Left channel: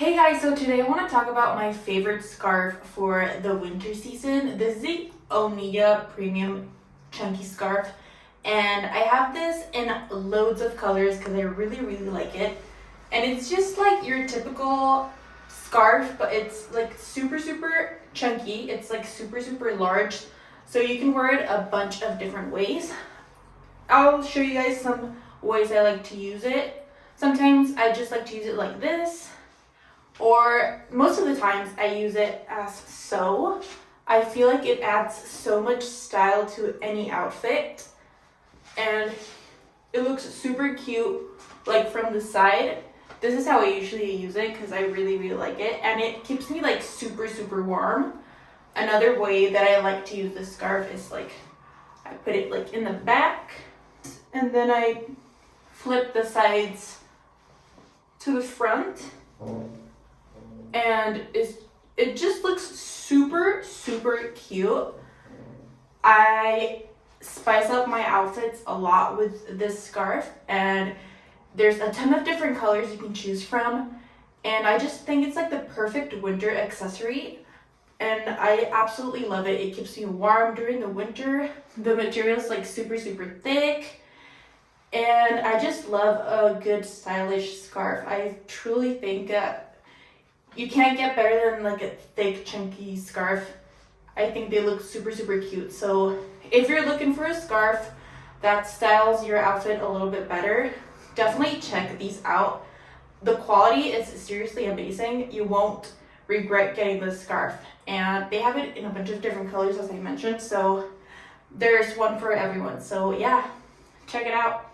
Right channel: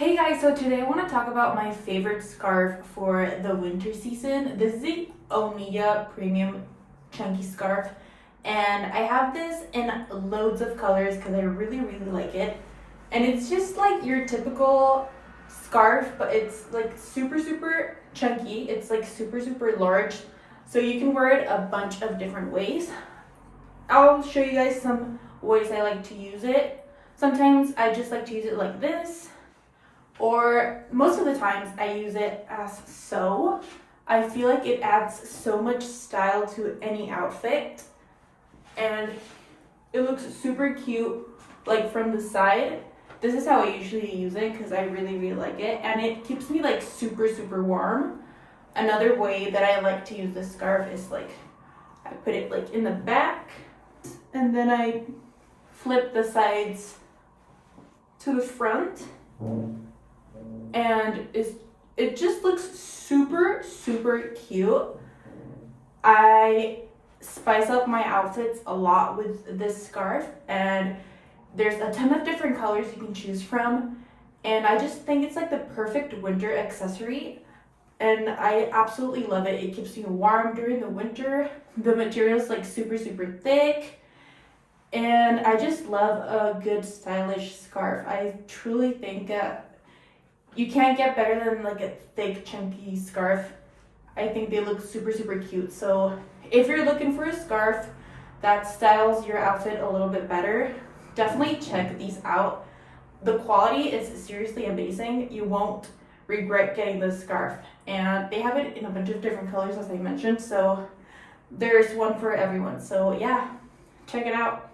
Hey guys, so today I want to talk about my favorite scarf for the winter season. This is the OUNIYA premium chunky scarf, and I have this in loads of colors because I really like it. And it's just like your typical scarf, but it's like super chunky. It's like super large, so you can wear it a bunch of different ways. I'll show you guys some ways I like to use it. Sometimes I just like to use it like this, or most of the times I use it as so. I feel like it adds so much style to any outfit, and it looks super cute like from the side. This is how I usually use it because I really like it, and it keeps me like super warm. Another way that I like to use this scarf is like I put it like in the back, and then I flip the sides to the front, and it just looks super cute. I spice up my outfits a lot with this scarf, and there's a ton of different colors you can choose from, and I just think it's like the perfect winter accessory, and I absolutely love it. It keeps me warm during the winter. The material is like super thick, and I just love a good stylish scarf. I truly think you can't get better than like a thick chunky scarf. I think they look super cute. So if you're looking for a scarf that styles your outfit a little bit better, definitely check these out. The quality is seriously amazing. You won't regret getting this scarf, and they have it in a bunch of different colors, as I mentioned, so there's one for everyone. So yeah, check it out.